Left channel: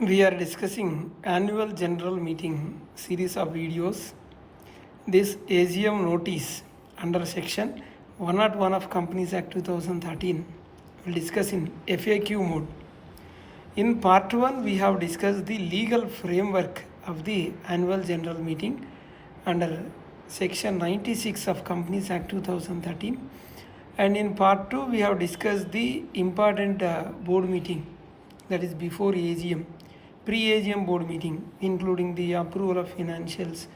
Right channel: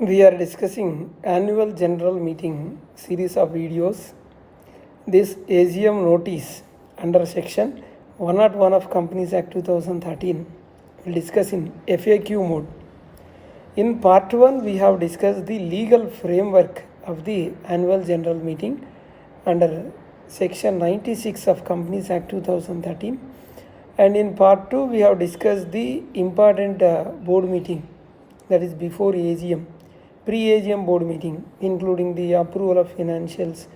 We are discussing annual general meeting series of videos. This AGM notice under section 101 of Companies Act 2013 will discuss in FAQ mode. In part 1 we have discussed the legal framework of the annual general meeting under section 96 of Companies Act 2013, and in part 2 we have discussed the important board meeting, that is before AGM, pre-AGM board meeting, including the approval of financials,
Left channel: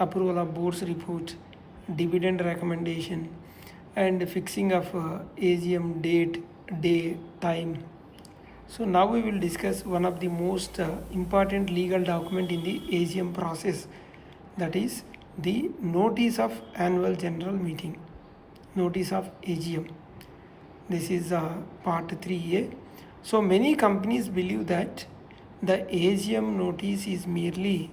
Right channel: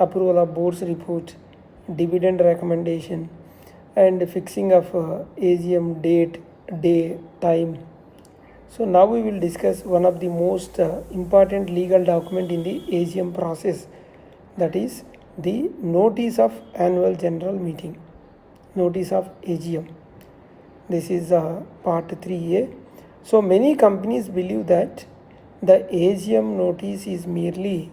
approval of board's report, dividend recommendation, and fixing of AGM date, day, time. So now we will discuss one of the most important legal document in the AGM process, that is the notice of annual general meeting, notice of AGM. This is part 3A. So many companies believe that the AGM notice is merely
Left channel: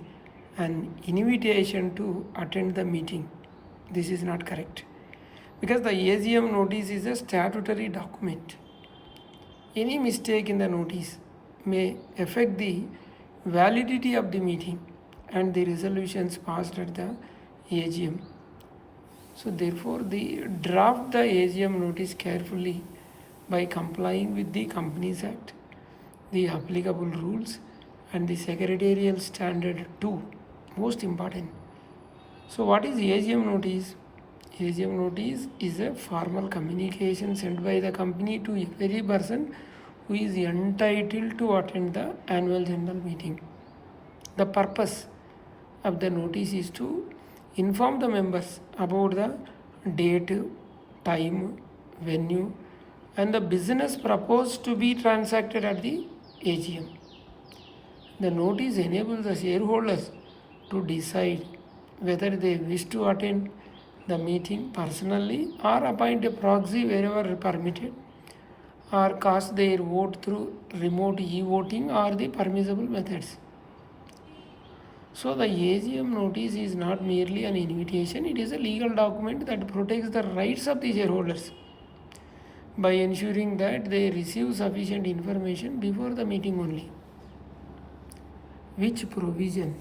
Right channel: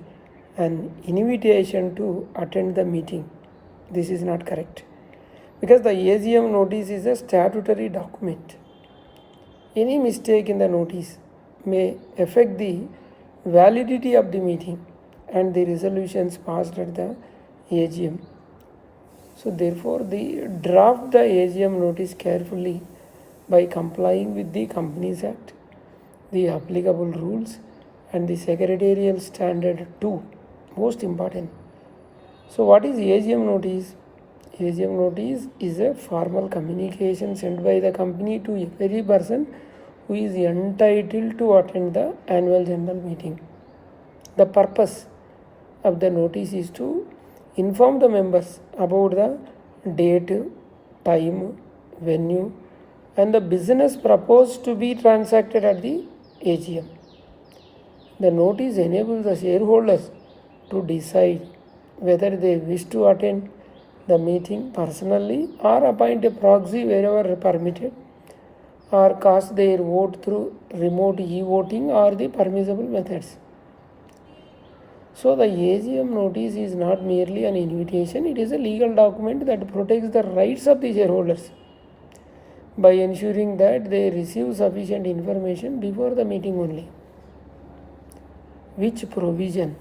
an invitation to attend the meeting. This is not correct, because the AGM notice is a statutory document. Any mistake in the notice may affect the validity of the meeting and the resolutions passed at the AGM. So therefore, draft the AGM notice carefully by complying with the Companies Act, the applicable rules, and the Secretarial Standard 2. Most important. So what is AGM notice? AGM notice is a formal communication sent by the company to every person who is entitled to attend the annual general meeting. The purpose of the notice is to inform the members about the date, time, venue, and the business proposed to be transacted at the AGM. The notice enables the shareholders to decide whether they wish to attend the meeting personally or appoint a proxy wherever permitted, or cast their vote through remote e-voting or the permissible methods. So the AGM notice is not merely an invitation, it is a legal document that protects the rights of the shareholders by ensuring that they receive sufficient information before the meeting only. Which provision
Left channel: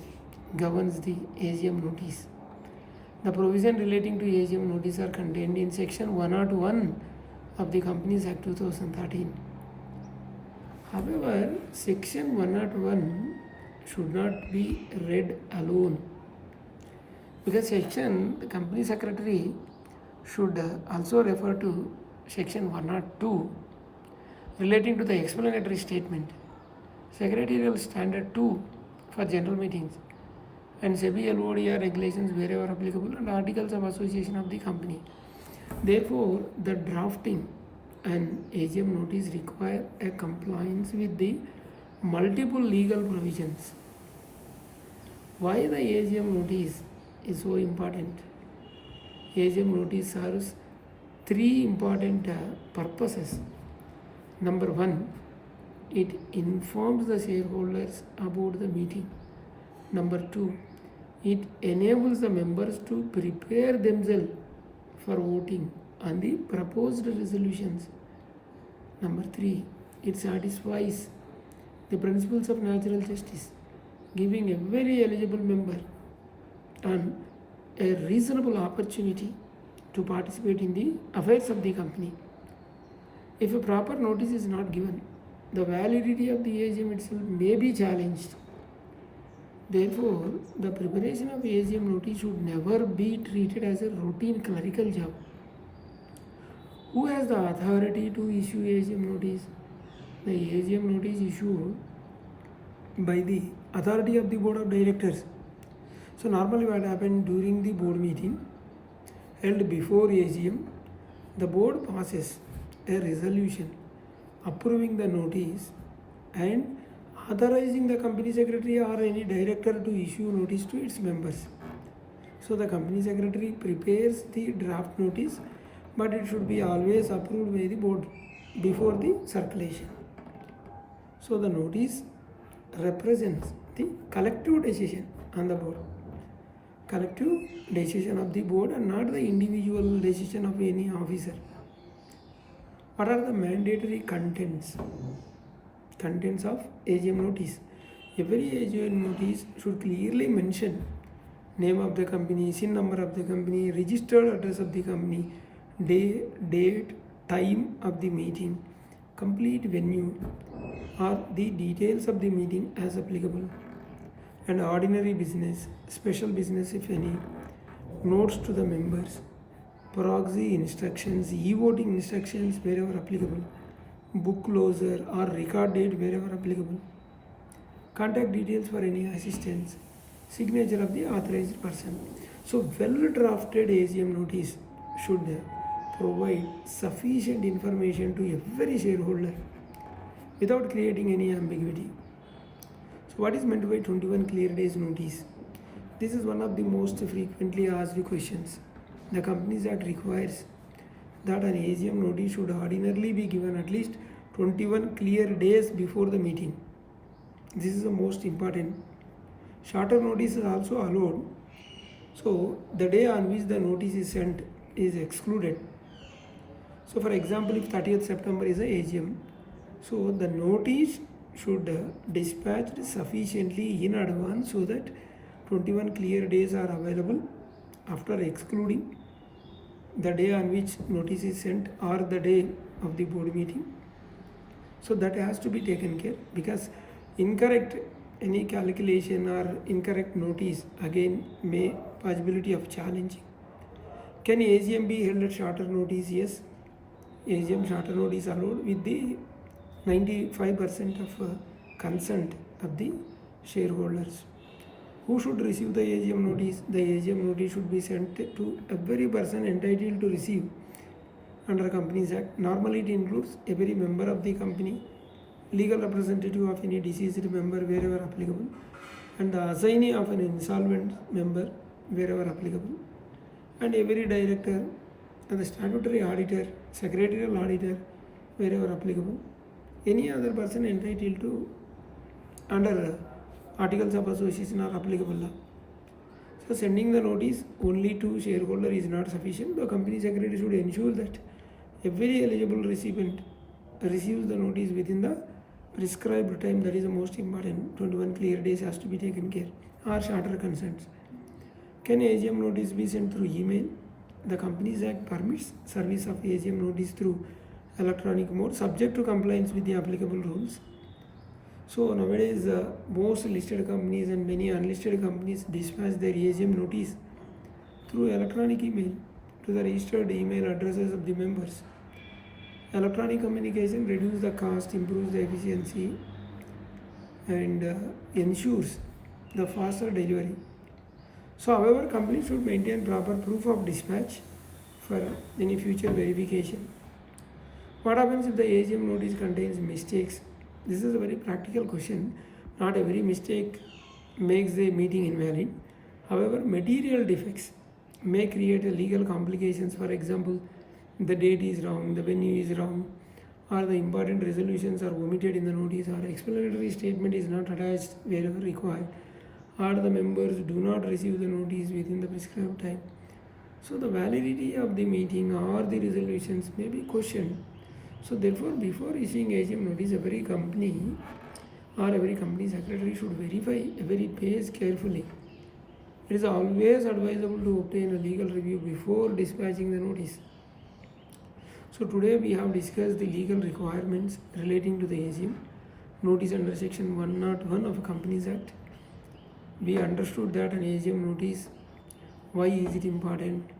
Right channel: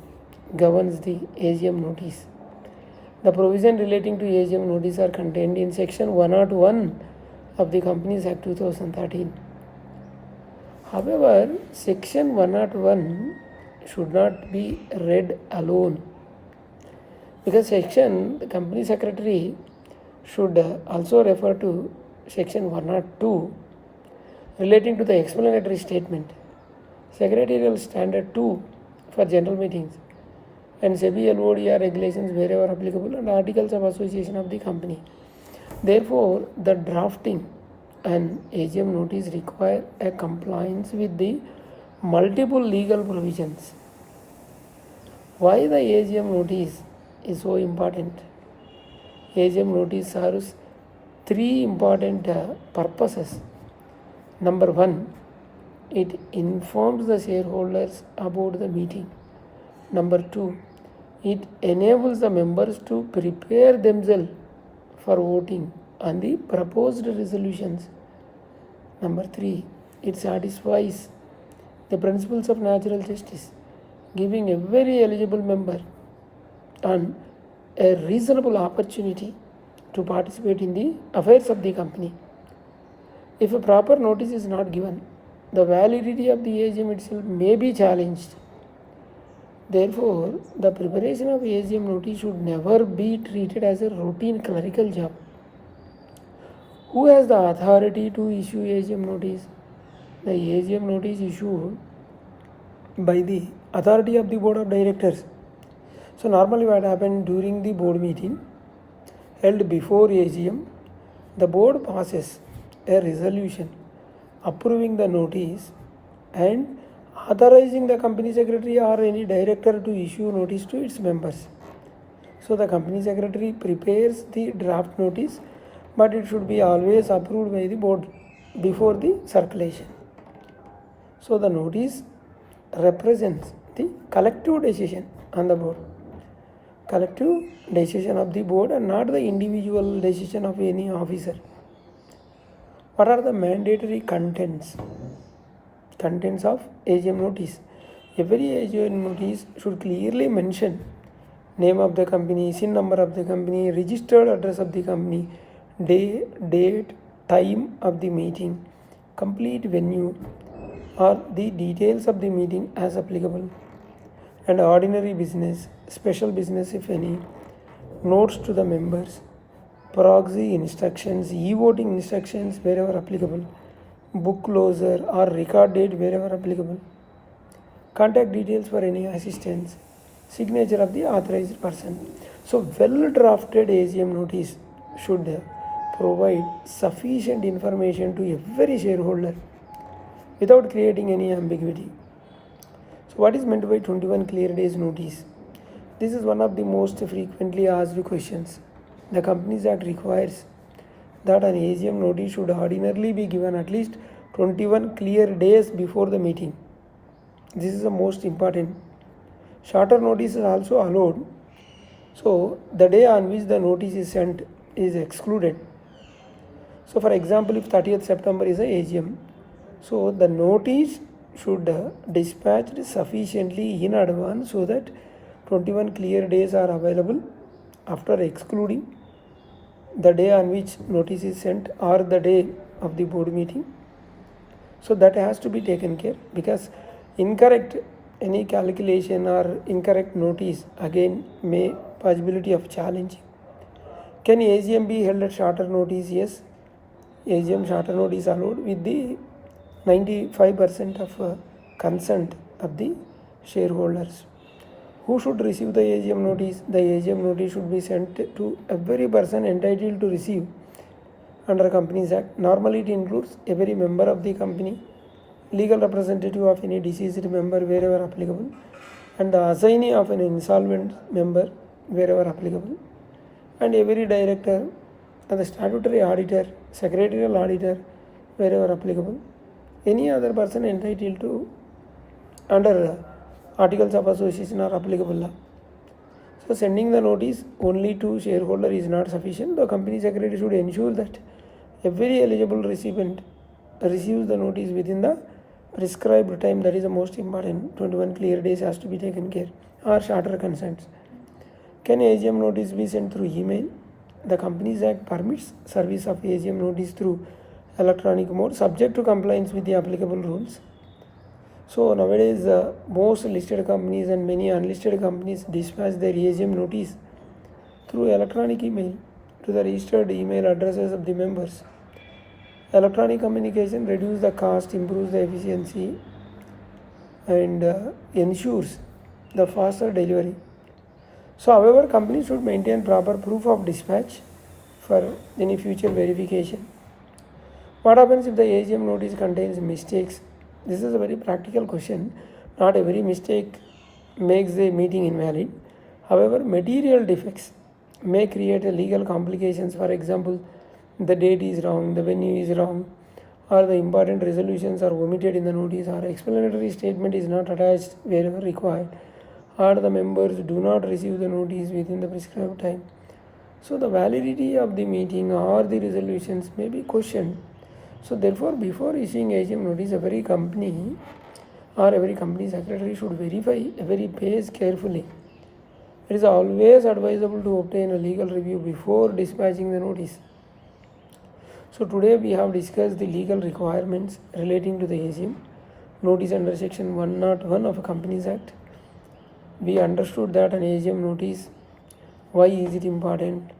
governs the AGM notice? The provision relating to AGM notice are contained in section 101 of the Companies Act 2013. However, section 101 should not be read alone, because the Company Secretary should also refer to section 102 relating to the explanatory statement, Secretarial Standard 2 for general meetings, and SEBI LODR regulations wherever applicable, and articles of association of the company. Therefore, the drafting and AGM notice require a compliance with the multiple legal provisions. Why the AGM notice is so important? AGM notice serves three important purposes. Number one, it informs the shareholders about the meeting. Number two, it enables the members to prepare themselves for voting on the proposed resolutions. Number three, it satisfies the principles of natural justice, giving every eligible member a reasonable opportunity to participate in the affairs of the company. If a proper notice is not given, the validity of the AGM itself may be challenged. Therefore, the preparation of AGM notice should never be treated as a routine clerical job. Who has the authority to issue AGM notice? The AGM notice issued by the authority of the board of directors. So normally what happened during the board meeting held before AGM, the board passes a resolution approving the notice and authorizing the company secretary or any director to issue notice to its members. So the company secretary prepares the draft notice, but it should be always approved by the board before the circulation. So the notice represents the collective decision on the board, collective decision of the board, and not the individual decision of any officer. What are the mandatory contents of AGM notice? Every AGM notice should clearly mention name of the company, SIN number of the company, registered address of the company, day, date, time of the meeting, complete venue, or the details of the meeting as applicable, and ordinary business, special business if any, notes to the members, proxy instructions, e-voting instructions wherever applicable, book closure or record date wherever applicable, contact details for any assistance, signature of the authorized person. So well drafted AGM notice should provide sufficient information to every shareholder without creating any ambiguity. So what is meant by 21 clear days notice? This is one of the most frequently asked questions. The Companies Act requires that an AGM notice should ordinarily be given at least 21 clear days before the meeting. This is the most important. Shorter notice is also allowed. So the day on which the notice is sent is excluded. So for example, if 30th September is a AGM, so the notice should dispatched sufficiently in advance so that 21 clear days are available after excluding the day on which notice is sent or the day of the board meeting. So that has to be taken care, because incorrect any calculation or incorrect notice again may possibility of challenging. Can AGM be held at shorter notice? Yes, AGM shorter notice allowed with the 95% of consent of the shareholders. Who should receive the AGM notice? The AGM notice should be sent to every person entitled to receive under Companies Act. Normally it includes every member of the company, legal representative of any deceased member wherever applicable, and the assignee of an insolvent member wherever applicable, and every director and the statutory auditor, secretarial auditor wherever applicable, any other person entitled to under articles of association are applicable law. So sending the notice only to shareholder is not sufficient. The company secretary should ensure that every eligible recipient receives the notice within the prescribed time. That is the most important. 21 clear days has to be taken care, or shorter consents. Can AGM notice be sent through email? The Companies Act permits service of AGM notice through electronic mode, subject to compliance with the applicable rules. So nowadays most listed companies and many unlisted companies dispatch their AGM notice through electronic email to the registered email addresses of the members. Electronic communication reduces the cost, improves the efficiency, and ensures the faster delivery. So however, companies should maintain proper proof of dispatch for any future verification. What happens if the AGM notice contains mistakes? This is a very practical question. Not every mistake makes the meeting invalid. However, material defects may create a legal complications. For example, the date is wrong, the venue is wrong, or the important resolutions are omitted in the notice, or explanatory statement is not attached wherever required, or the members do not receive the notice within the prescribed time. So the validity of the meeting or the resolutions may be questioned. So therefore, before issuing AGM notice, every company or every company secretary should verify every page carefully. It is always advisable to obtain a legal review before dispatching the notice. So today we have discussed the legal requirements relating to the AGM notice under section 101 of Companies Act. We understood that an AGM notice, why is it important,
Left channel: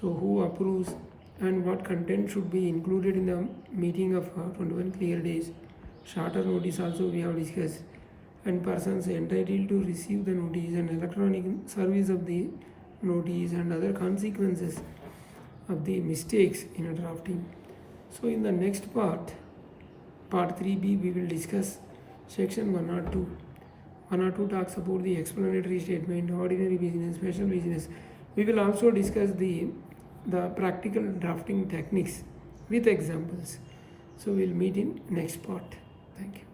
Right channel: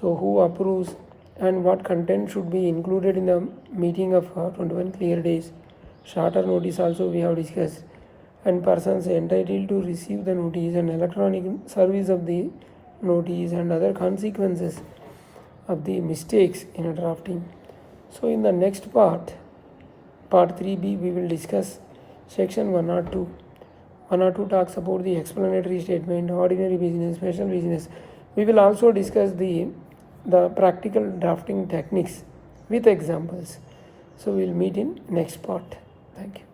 so who approves, and what content should be included in the meeting of 21 clear days. Shorter notice also we have discussed, and persons entitled to receive the notice, and electronic service of the notice, and other consequences of the mistakes in a drafting. So in the next part 3b, we will discuss section 102. 102 talks about the explanatory statement, ordinary business, special business. We will also discuss the practical drafting techniques with examples. So we'll meet in next part. Thank you.